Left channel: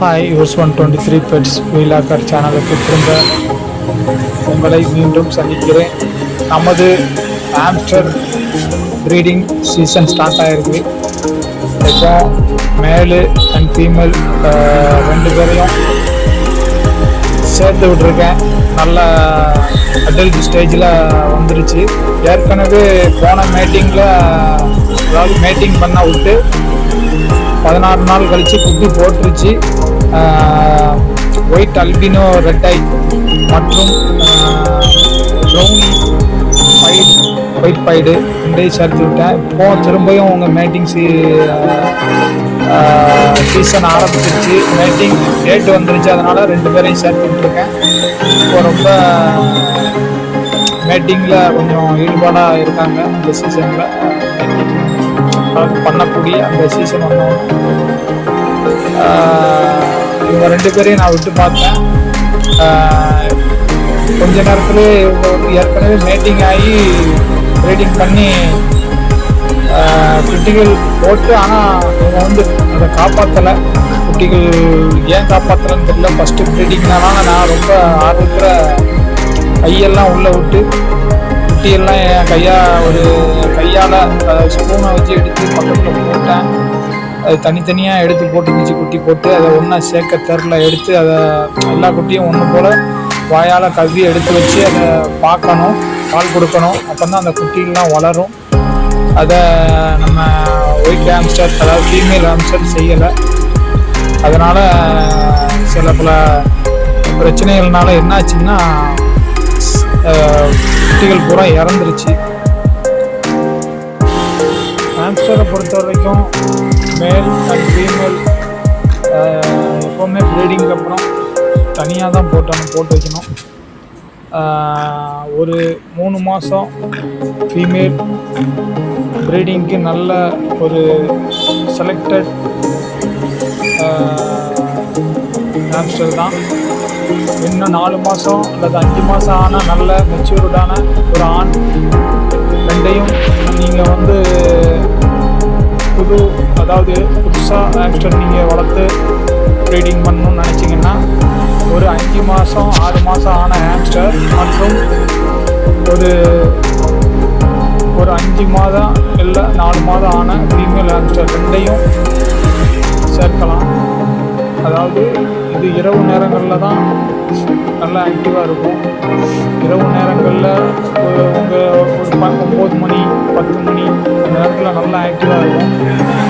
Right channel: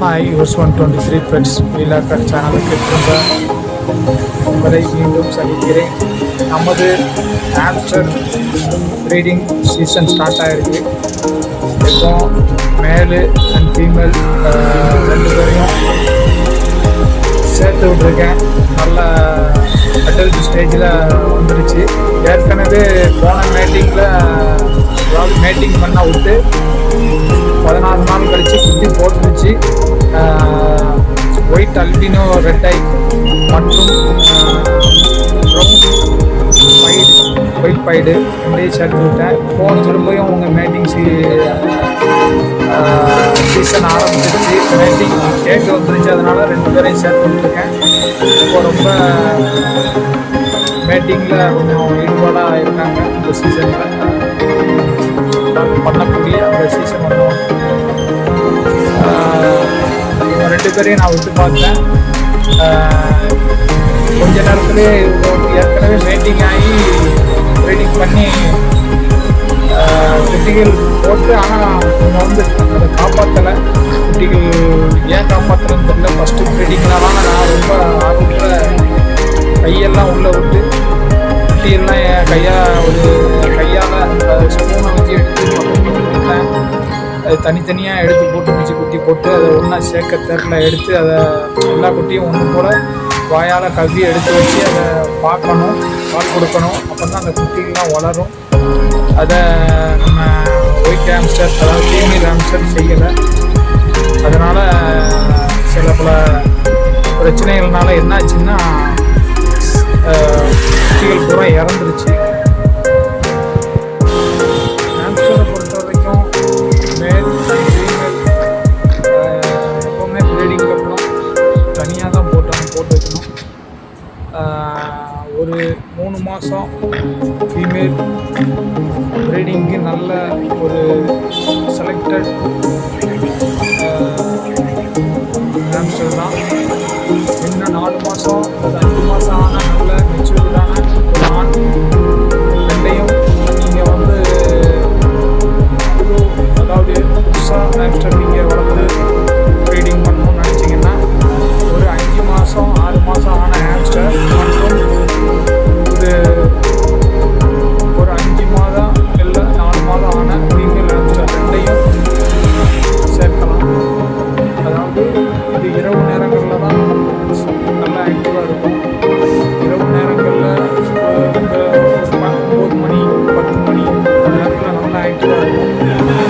Hi use 123 pets வீலாக்கர் சேனலுக்கு திரும்ப உங்களை மீண்டும் சந்திக்கிறேன். நமது ஹாம்ஸ்டர் ப்ரீடிங் சீசன் ஸ்டார்ட் ஆகிருக்கு. இப்போ மேலு அண்ட் ஃபீமேல் ரெண்டு பேரையும் சேர்த்து விட்ருக்கேன். நல்ல அடல்ட் ஸ்டேஜில் வந்துருச்சு. ஏற்கனவே போன மேட்டிங்கில் அதாவது மேட்டிங் பண்ண விட்டு 16 நாள் கழித்து குட்டி போட்டுருச்சு. ஒயிட் அல்பினோ ரெட் ஐ மற்றும் ப்ரௌன் ஒயிட் பைடு ரெண்டையும் சேர்த்து விட்டேன். இப்போ திரும்பியும் உங்கள் மேட்டிங் சீசன் ஆரம்பிச்சிருச்சு. மேட்டிங் டேட் வந்துருச்சு, அதனால் ரெண்டு பேரையும் சேர்த்து விட்ருக்கேன். இப்போ ரொம்ப மேட்டிங்கில் கொஞ்சம் ஈடுபாடாக இருக்காங்க. இந்த சீசனில் பண்ணக்கூடிய அந்த சீசன் வந்தோம். இவங்க ரெண்டு பேரையும் நான் விட்டு பார்த்தேன். கொஞ்ச நேரத்துலேயே இவங்க வந்து ஏற்கனவே மேட்டிங் ஆகி ப்ரீடிங் பண்ணி குட்டிகள் போட்டு, ஆனால் இவங்க வந்து அதை காப்பாற்றலை. குட்டிகள் ஏன் காப்பாற்றலைன்னு தெரியல. ஃபஸ்ட்டு ப்ரீடிங்னால நான் ரொம்ப ஆர்வத்தில் கையெல்லாம் உள்ளே விட்டு குட்டியெல்லாம் என் கையால் ஸ்பூனை வச்சு எடுத்து பக்கத்தில் போட்டேன். அது தனித்தனியாக எடுத்து போட்டுருந்துச்சு. குட்டி போட்டு அதை ஒன்றா சேர்க்க தெருல எடுத்து அதை எல்லா குட்டியும் ஒன்று போல் வாயால் கவ்வி எடுத்து வச்சு அதை பார்க்கணும், பால் கொடுக்கணும். அப்போ தான் அந்த குட்டிகள்லாம் வளரும். அதை நம்ம ஒயிட் ஹாம்ஸ்டர் அதாவது ஃபீமேல் ஹாம்ஸ்டர் செய்யலை. அதனால் சில பல பிரச்சனைகள்னால என்னாச்சுன்னா குட்டிகள் பூரா இறந்துருச்சு. ஹாம்ஸ்டரை பொறுத்த வரைக்கும் மேல் அண்ட் ஃபீமேல் எப்போவுமே ப்ரீடிங்க்கு அப்புறம் தனியாக தான் போட்டு வைக்கணும். ஒரு 3 மாதம் ஃபீமேல் ப்ரீடிங்க்கு நல்ல ஒரு செலக்டட் ஹாம்ஸ்டர் தான். இன்னும் 4 மாதம் அல்லது 5 மாதம் ஆனால் நல்ல மெச்சூர்டான ஒரு ஆண் ரெண்டையும் நீங்கள் வந்து புதுசாக ஹாம்ஸ்டர் நீங்கள் வளர்த்து ப்ரீடிங் பண்ணணும்னு நினச்சிங்கன்னா ஒரு 5 மாதம் 6 மாதம் ஆன ஹாம்ஸ்டர் மற்றும் ஒரு 5 மாதம் இல்லை 4 மாதம் ஆன ஃபீமேல் ஹாம்ஸ்டர் ரெண்டையும் சேர்க்கலாம். அதாவது இது இரவு நேரங்களில் தான் நல்லா ஆக்டிவாக இருக்கும். இரவு நேரங்களில் உங்கள் ஒரு 9 மணி 10 மணி அந்த நேரத்தில் நல்லா ஆக்டிவாக இருக்கும்.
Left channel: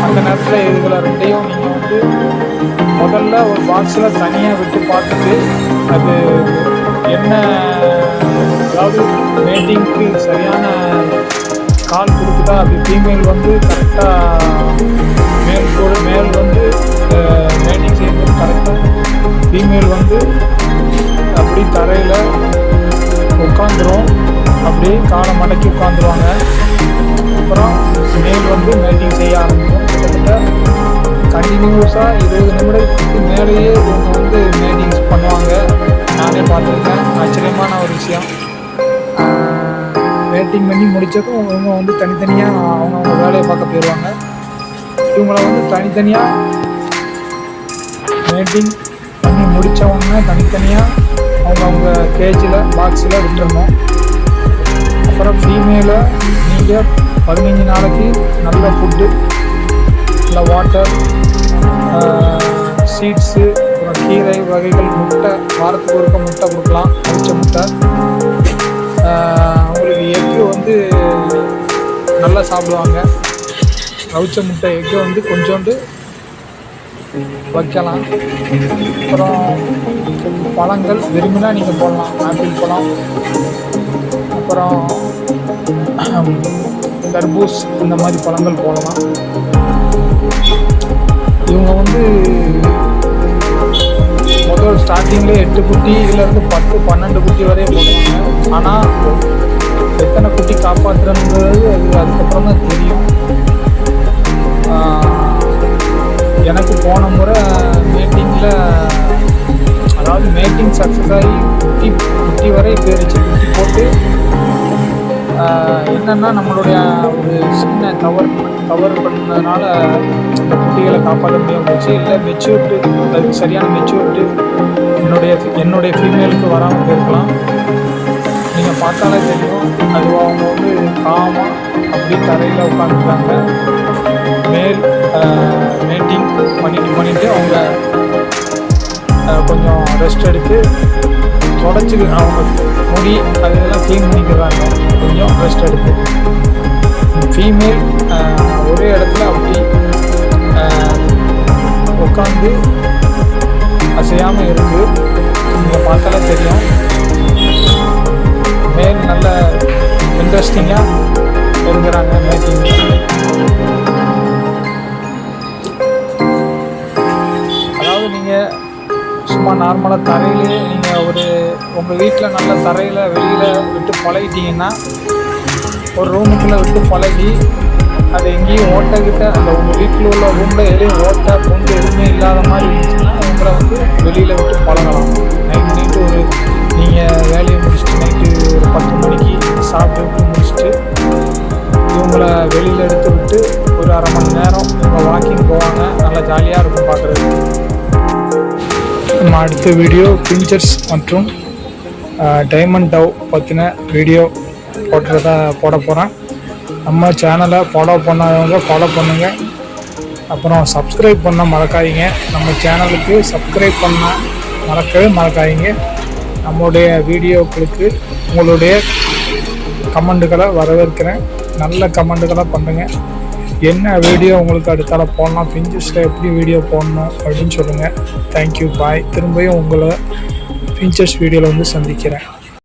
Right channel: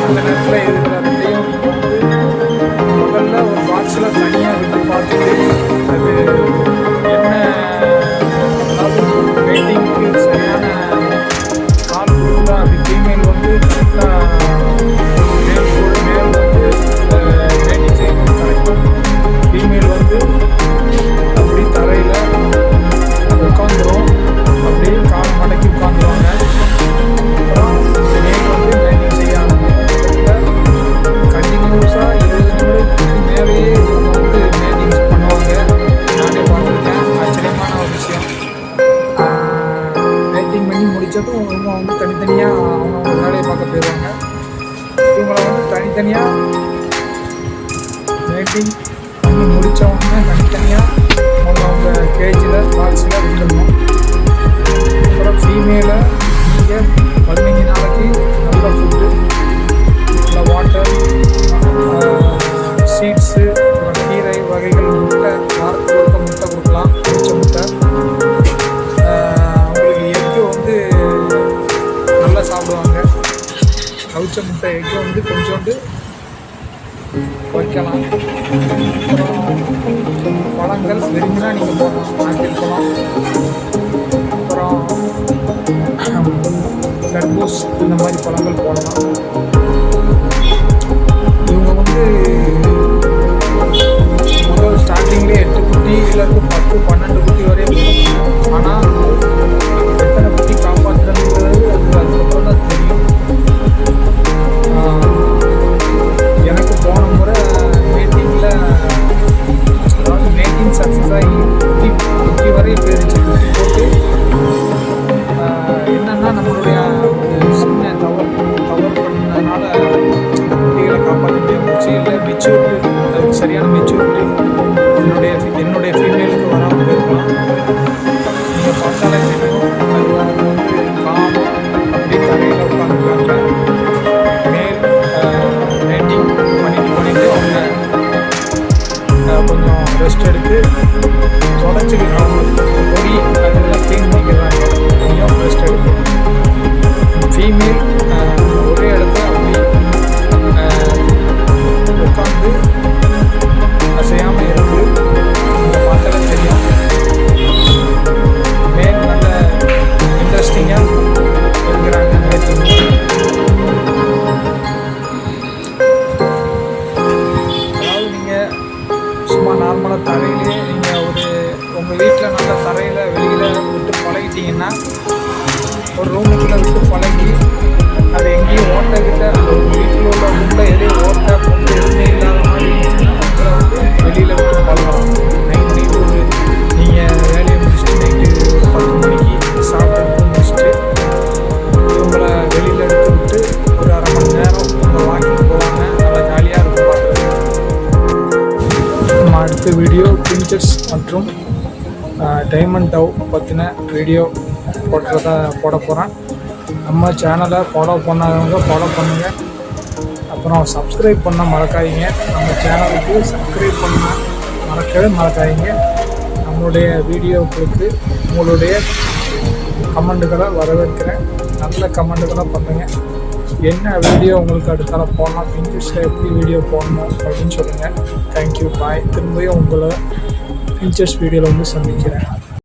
அந்த நேரத்தில் இதுகளை ரெண்டையும் நீங்கள் வந்து முதல்ல ஒரு பாக்ஸில் தனியாக விட்டு பார்த்துட்டு அது என்ன, அதாவது மேட்டிங்க்கு சரியான கால் கொடுக்குதா, அப்படி ஃபீமேல் வந்து கரெக்டாக மேல் வந்து மேட்டிங் செய்யும்போது கரெக்டாக ஃபீமேல் வந்து அப்படி தரையில் உட்காந்துரும். அப்படியே காலை மடக்கி உட்காந்துருவாங்க. அப்புறம் மேல் வந்து மேட்டிங் செய்ய ஆரம்பிக்கும். கிட்டத்தட்ட கண்டினியூஸாக 20 நிமிடத்துக்கு மேலேயே இவங்க வந்து மேட்டிங்ஸ் பண்ணுவாங்க. நானே பார்த்துருக்கேன். ஆச்சரியமான ஒரு விஷயம். மேட்டிங் பண்ணி முடித்ததும் இவங்க வந்து தனித்தனியாக அவங்கவுங்க வேலையை பார்க்க போயிடுவாங்க. இவங்களை வந்து தனித்தனியாக மேட்டிங் பண்ணி முடித்தவொடனே தனித்தனியாக அவங்கவுங்க கேஜில் பாக்ஸில் விட்டுருணும். அப்புறம் ஃபீமேலை நீங்கள் 15 நாளைக்கு நல்ல ஃபுட்டு, நல்ல வாட்டர், சீட்ஸு, அப்புறம் கீரை வகைகள், முட்டை, வாரத்துக்கு ஒருக்க முட்டை கொடுக்கலாம். அவிச்ச முட்டை. அவங்களுக்கு எக்கு வந்து நல்லா சாப்பிடுவாங்க. அவிச்ச முட்டை எக்கு வந்து கொஞ்சோண்டு வைக்கலாம். அப்புறம் பழங்கள் விரும்பினா நீங்கள் போடலாம். ஆப்பிள் பழம், அப்புறம் தர்பூஸ், இந்த மாதிரி பழங்கள் போடலாம். இவங்க வந்து முதல் ஸ்டார்டிங்லேயே 8 குட்டி இதிலேருந்து 10-12 குட்டி வரையும் போடுவாங்க. ஆனால் எத்தனை குட்டி காப்பாற்றுறது அதுக்கப்புறம் தான் தெரியும். எனக்கு போன முறை மேட்டிங்கில் அதாவது மேட்டிங் சக்ஸஸ் ஆகி குட்டி வரை போயிருச்சு. குட்டி போட்டு என்னென்னா நம்மளுடைய ஒரு சின்ன தவறு பண்ணதுனால இந்த குட்டிகளை காப்பாற்ற முடியாமல் போச்சு. இல்லை மெச்சூர்டு, அதுக்கு சரியான மெச்சூரிட்டி என்னுடைய ஃபீமேலுக்கு வராமல் போயிருக்கலாம். நீங்கள் பார்த்தாலே தெரியும், அது அவங்க வந்து காமாக அப்படி தரையில் உட்காந்துருக்காங்க. மேட்டிங் பண்ணிவிட்டு அவங்க கொஞ்சம் ரெஸ்ட் எடுத்து தொடச்சி அவங்க முடி அதெல்லாம் க்ளீன் பண்ணிக்கிறாங்க. கொஞ்சம் ரெஸ்ட் எடுத்து ஃபீமேல் ஒரே இடத்துல அப்படி உட்காந்து அசையாமல் இருக்குது. நீங்கள் பார்த்தாலே தெரியும். மேல் நல்ல இன்ட்ரெஸ்டிங்காக இருக்கிறாங்க மேட்டிங். அதாவது நீங்கள் சும்மா நார்மலாக தரையிலே நீங்கள் உங்கள் வீட்டில் நல்ல தரையில் வெளியில் விட்டு பழகிட்டிங்கன்னா, ஒரு ரூமுக்குள்ளே விட்டு பழகி அது எங்கேயும் ஓட்டக்கிட்ட அந்த உங்கள் வீட்டில் உள்ள ரூமில் எதையும் ஓட்ட பொண்டு எதுவுமே இல்லாத மாதிரி இருந்துச்சுன்னா உங்களை வந்து வெளியில் விட்டு பழகலாம். நைட்டு நீங்கள் வேலையை முடிச்சுட்டு நைட்டு ஒரு 10 மணிக்கு சாப்பிட்டு முடிச்சுட்டு இவங்களை வெளியில் எடுத்து விட்டு ஒரு அரை மணி நேரம் இவங்க வாக்கிங் போவாங்க. நல்லா ஜாலியாக இருக்கும் பார்க்குறதுக்கு. நம்ம அடுத்த வீடியோ பிஞ்சர்ஸ் மற்றும் டைமண்ட் டவ் பற்றின வீடியோ போட போகிறேன். நம்ம சேனலை ஃபாலோ பண்ணாதவங்க ஃபாலோ பண்ணுங்கள். அப்புறம் சப்ஸ்கிரைப் பண்ண மறக்காதீங்க. நம்ம சேனலுக்கு சப்ஸ்கிரைப் பண்ண மறக்காதீங்க. நம்மளுடைய வீடியோக்களுக்கு உங்களுடைய கமெண்ட்டுகளை வரவேற்கிறேன். நல்ல கமெண்ட்டுகளை பண்ணுங்கள். என்ன வீடியோ உங்களுக்கு அடுத்தால போடலாம், பிஞ்சர்ஸில் எப்படி வீடியோ போடணும் அப்படின்னு சொல்லுங்கள். தேங்க்யூ, பாய். திரும்பியும் உங்களை பிஞ்சர்ஸ் வீடியோவில் வந்து சந்திக்கிறேன்.